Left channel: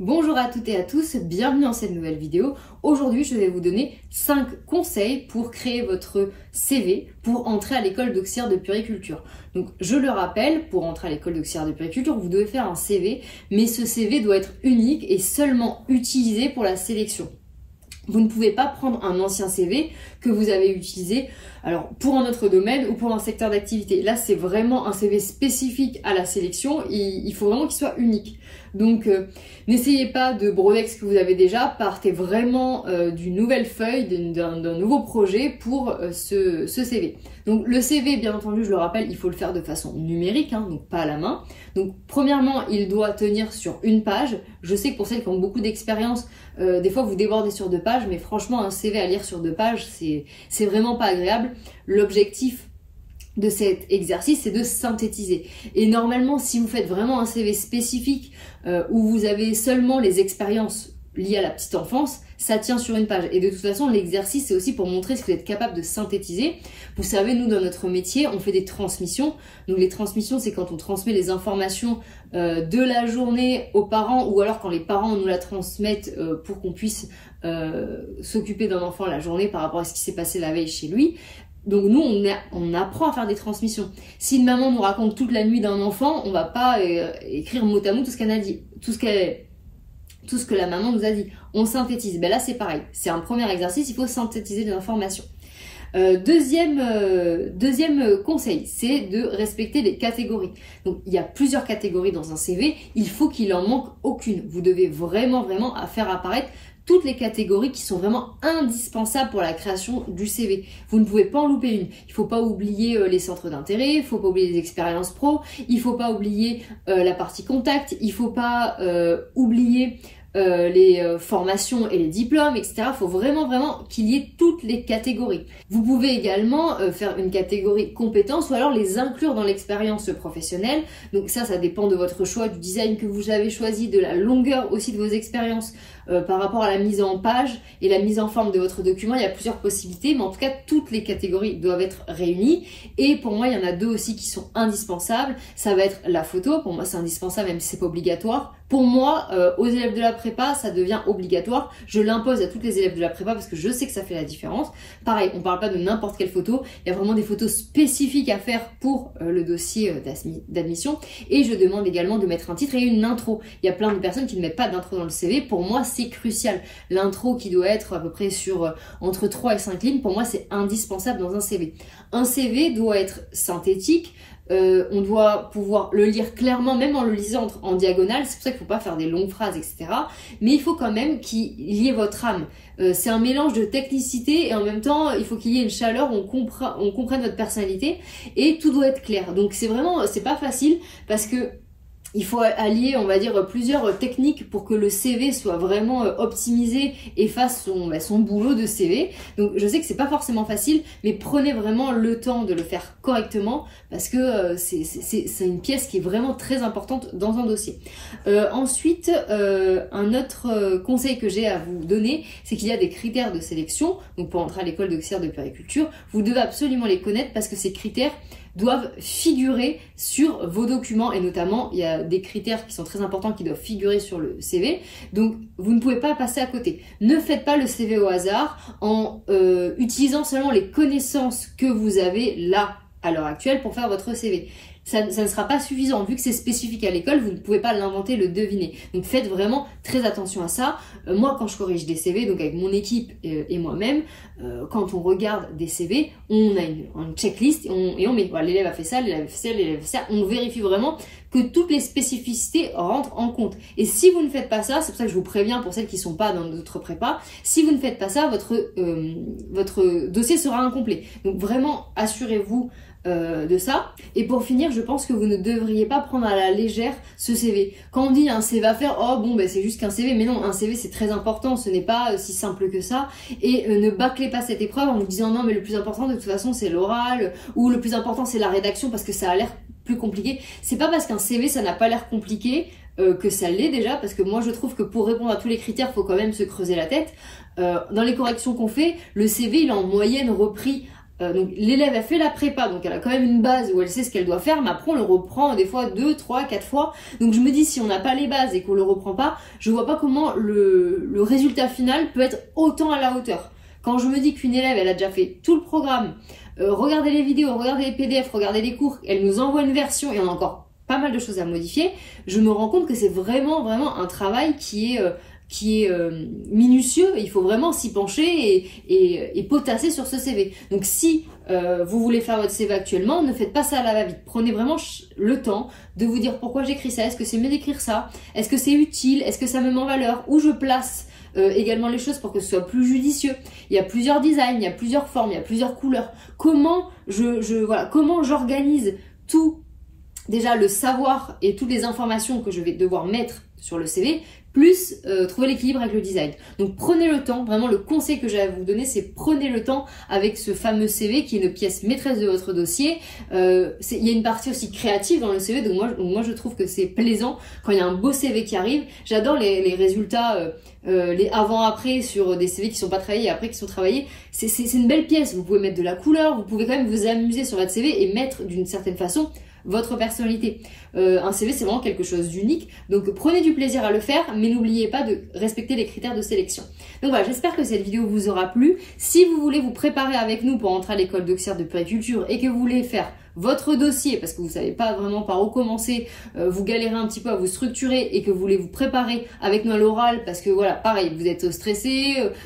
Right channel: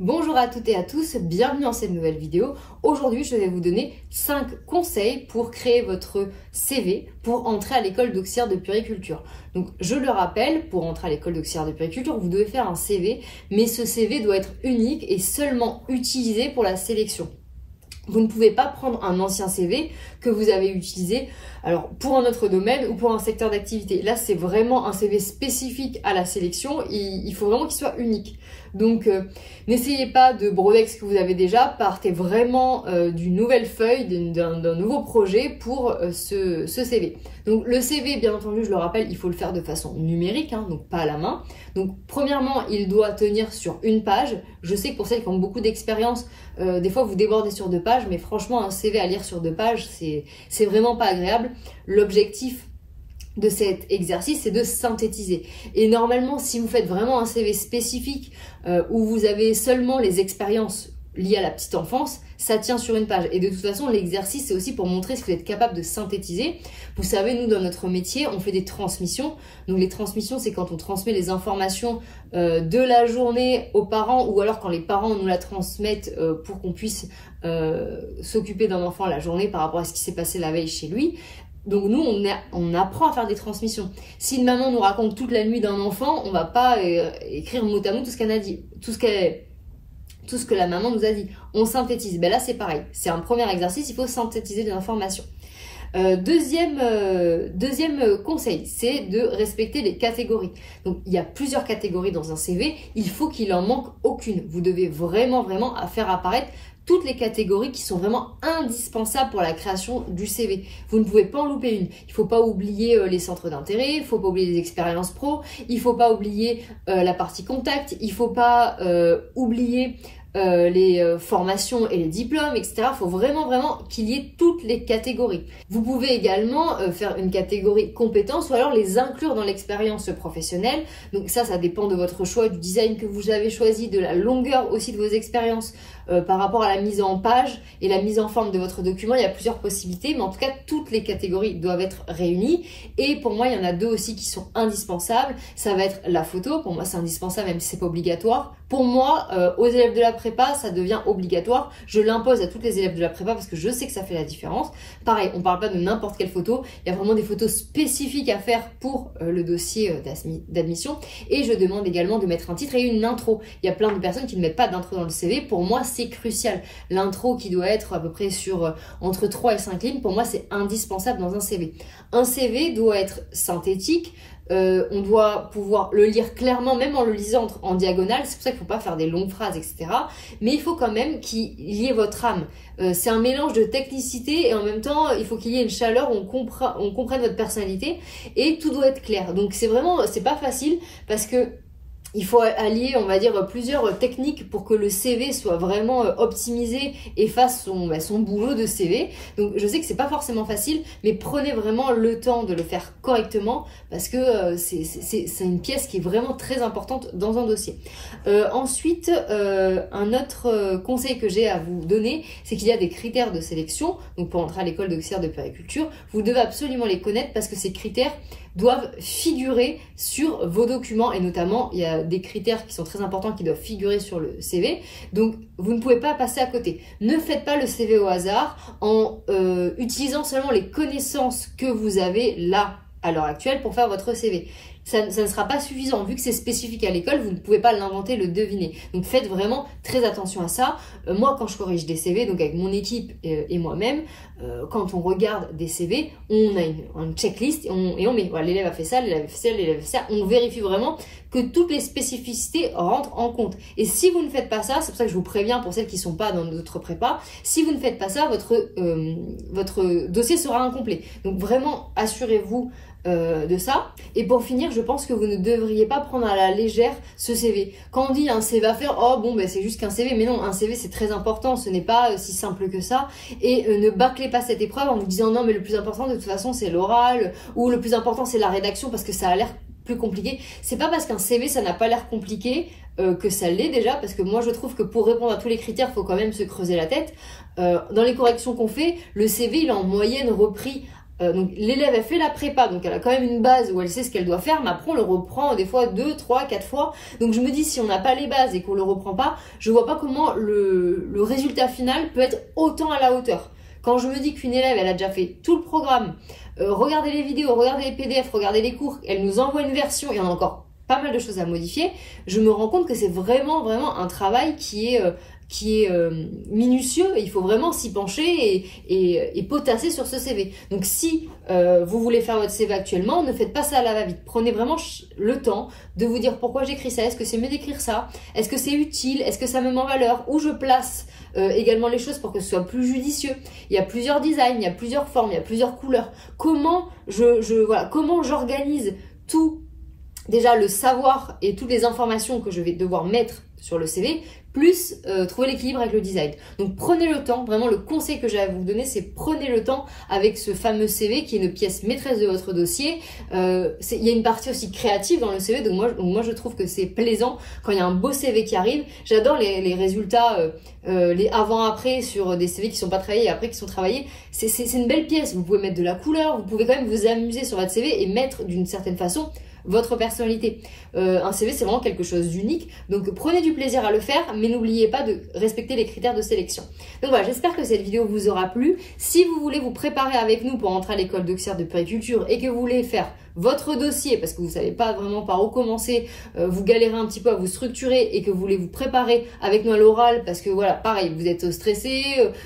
Bonjour à toutes et à tous, bienvenue dans cette nouvelle vidéo. Aujourd'hui, je vais vous donner 5 conseils pour créer votre CV pour entrer à l'école d'auxiliaire de puériculture. Donc, je le rappelle, pour entrer à l'école d'auxiliaire de puériculture, vous devez faire un CV, mais ce CV doit être unique et seulement utilisé pour la sélection. Vous ne pouvez pas prendre un ancien CV que vous avez utilisé alors pour un autre domaine ou pour un secteur d'activité. Là, c'est vraiment un CV spécifique à la sélection. Il faut vraiment qu'il soit unique. Donc, n'essayez pas de broder ce que vous avez déjà. Partez vraiment d'une nouvelle feuille, d'un nouveau projet pour ce CV. Donc, le CV, bien entendu, je le rappelle, il faut le faire de façon numérique, hein, donc pas à la main. Donc, premièrement, il doit tenir sur une page. Je sais que pour celles qui ont beaucoup d'expérience, des fois, vous débordez sur 2 pages, mais franchement, un CV à lire sur 2 pages, c'est vraiment pas agréable. L'objectif de cet exercice, c'est de synthétiser. Et normalement, si vous faites vraiment un CV spécifique où vous avez seulement les expériences liées à la petite enfance, ça tient sur une page. Et de toute façon, l'exercice, c'est aussi pour montrer ce que vous êtes capable de synthétiser. Vous savez, nous, dans notre métier, on fait des transmissions. Donc, les transmissions, c'est quand on transmet les informations de la journée aux parents ou alors quand les parents nous la transmettent pour qu'on puisse s'occuper d'un enfant la journée par rapport à ce qui s'est passé la veille chez lui. Donc nous, on apprend à faire des transmissions. Si une maman nous raconte toute la nuit d'un enfant, on va pas écrire mot à mot tout ce qu'elle a dit, tout ce que la maman nous a dit. On synthétise. Ben là, c'est pareil. C'est un premier exercice, il faut synthétiser des informations. Deuxième conseil, c'est de respecter les catégories. Donc, il y a plusieurs catégories dans un CV. Il faut qu'il en manque aucune. Vous devez vraiment faire apparaître toutes les catégories qui sont vraiment indispensables pour la création du CV. Vous ne pouvez pas en louper une. Il ne faut pas oublier les centres d'intérêt, il ne faut pas oublier les expériences pro, il ne faut pas oublier la partie contact, il ne faut pas oublier les formations et les diplômes, etc. Il faut vraiment qu'il y ait toutes les catégories. Vous pouvez également faire une catégorie compétences ou alors les inclure dans l'expérience professionnelle. Donc ça dépend de votre choix, du design que vous avez choisi, de la longueur aussi de vos expériences par rapport à la mise en page et la mise en forme de votre document. Il y a plusieurs possibilités, mais en tout cas, toutes les catégories doivent être réunies. Et pour moi, il y en a 2 aussi qui sont indispensables. Ça va être la photo. Pour moi, c'est indispensable, même si c'est pas obligatoire. Pour moi, aux élèves de la prépa, ça devient obligatoire. Je l'impose à toutes les élèves de la prépa parce que je sais que ça fait la différence. Pareil, on ne parle pas de n'importe quelle photo. Il y a vraiment des photos spécifiques à faire pour le dossier d'admission. Et je demande également de mettre un titre et une intro. Il y a plein de personnes qui ne mettent pas d'intro dans le CV. Pour moi, c'est crucial. L'intro qui doit être à peu près sur entre 3 et 5 lignes, pour moi, c'est indispensable dans un CV. Un CV doit être synthétique. On doit pouvoir le lire clairement, même en le lisant en diagonale. C'est pour ça qu'il ne faut pas faire des longues phrases, etc. Mais il faut quand même qu'il y ait votre âme. C'est un mélange de technicité et en même temps, il faut qu'il y ait une chaleur où on comprenne votre personnalité et tout doit être clair. Donc c'est pas facile parce que il faut allier, on va dire, plusieurs techniques pour que le CV soit vraiment optimisé et fasse son boulot de CV. Donc, je sais que c'est pas forcément facile, mais prenez vraiment le temps de le faire correctement parce que c'est une pièce qui est vraiment très importante dans un dossier. Ensuite, un autre conseil que j'ai à vous donner, c'est qu'il y a des critères de sélection. Donc, pour entrer à l'école d'auxiliaire de puériculture, vous devez absolument les connaître parce que ces critères doivent figurer sur vos documents et notamment il y a des critères qui sont très importants qui doivent figurer sur le CV. Donc vous ne pouvez pas passer à côté. Ne faites pas le CV au hasard en utilisant seulement les connaissances que vous avez là à l'heure actuelle pour faire votre CV. Ça ne sera pas suffisant. Vu que c'est spécifique à l'école, vous ne pouvez pas l'inventer, le deviner. Donc faites vraiment très attention à ça. Moi, quand je corrige des CV, donc avec mon équipe et moi-même, quand on regarde des CV, on a une checklist et on met, voilà, l'élève a fait ça, l'élève a fait ça, l'élève a fait ça. On vérifie vraiment que toutes les spécificités rentrent en compte. Et si vous ne faites pas ça, c'est pour ça que je vous préviens pour celles qui ne sont pas dans notre prépa, si vous ne faites pas ça, votre dossier sera incomplet. Donc vraiment, assurez-vous de ça. Et pour finir, je pense que vous ne devriez pas prendre à la légère ce CV. Quand on dit un CV à faire, oh bon ben c'est juste qu'un CV, mais non, un CV c'est très important, ce n'est pas si simple que ça. Et ne bâclez pas cette épreuve en vous disant non mais le plus important de toute façon c'est l'oral ou le plus important c'est la rédaction parce que ça a l'air plus compliqué. C'est pas parce qu'un CV ça n'a pas l'air compliqué que ça l'est déjà, parce que moi je trouve que pour répondre à tous les critères, il faut quand même se creuser la tête. Dans les corrections qu'on fait, le CV il est en moyenne repris donc l'élève elle fait la prépa, donc elle a quand même une base où elle sait ce qu'elle doit faire, mais après on le reprend des fois 2, 3, 4 fois. Donc je me dis, si on n'a pas les bases et qu'on le reprend pas, je vois pas comment le résultat final peut être autant à la hauteur. Quand je me dis qu'une élève elle a déjà fait tout le programme, regardez les vidéos, regardez les PDF, regardez les cours, elle nous envoie une version et on a encore pas mal de choses à modifier, je me rends compte que c'est vraiment un travail qui est minutieux, et il faut vraiment s'y pencher et potasser sur ce CV. Donc si vous voulez faire votre CV actuellement, ne faites pas ça à la va-vite. Prenez vraiment le temps de vous dire pourquoi j'écris ça, est-ce que c'est mieux d'écrire ça, est-ce que c'est utile, est-ce que ça me met en valeur, où je place également les choses pour que ce soit plus judicieux. Il y a plusieurs designs, il y a plusieurs formes, il y a plusieurs couleurs. Comment comment j'organise tout, déjà le savoir et toutes les informations que je vais devoir mettre sur le CV, plus trouver l'équilibre avec le design. Donc prenez le temps, vraiment le conseil que j'ai à vous donner, c'est prenez le temps avec ce fameux CV qui est une pièce maîtresse de votre dossier. Il y a une partie aussi créative dans le CV, donc moi je trouve que c'est plaisant quand il y a un beau CV qui arrive. J'adore les résultats, les avant-après sur des CV qui sont pas travaillés et après qui sont travaillés. C'est une belle pièce, vous pouvez mettre de la couleur, vous pouvez quand même vous amuser sur votre CV et mettre d'une certaine façon votre personnalité. Un CV, c'est vraiment quelque chose d'unique. Donc, prenez du plaisir à le faire, mais n'oubliez pas de respecter les critères de sélection. Donc voilà, j'espère que cette vidéo vous aura plu. Si vous voulez vous préparer avec nous pour entrer à l'école d'auxiliaire de puériculture et que vous voulez faire votre dossier parce que vous savez pas vraiment par où commencer, vous galérez un petit peu à vous structurer et que vous voulez vous préparer avec nous à l'oral parce que voilà, pareil, vous êtes stressé,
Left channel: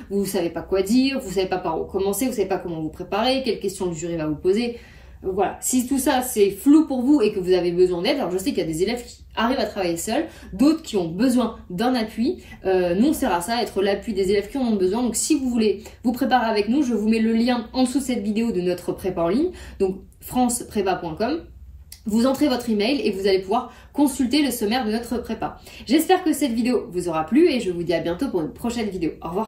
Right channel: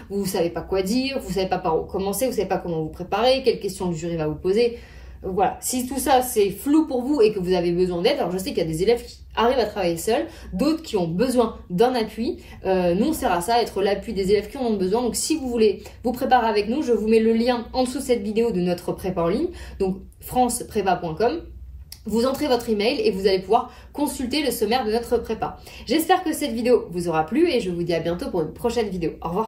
vous savez pas quoi dire, vous savez pas par où commencer, vous savez pas comment vous préparer, quelles questions le jury va vous poser. Voilà, si tout ça c'est flou pour vous et que vous avez besoin d'aide, alors je sais qu'il y a des élèves qui arrivent à travailler seuls, d'autres qui ont besoin d'un appui. Nous on sert à ça, à être l'appui des élèves qui en ont besoin. Donc si vous voulez vous préparer avec nous, je vous mets le lien en dessous de cette vidéo de notre prépa en ligne, donc franceprepa.com. Vous entrez votre email et vous allez pouvoir consulter le sommaire de notre prépa. J'espère que cette vidéo vous aura plu et je vous dis à bientôt pour une prochaine vidéo. Au revoir.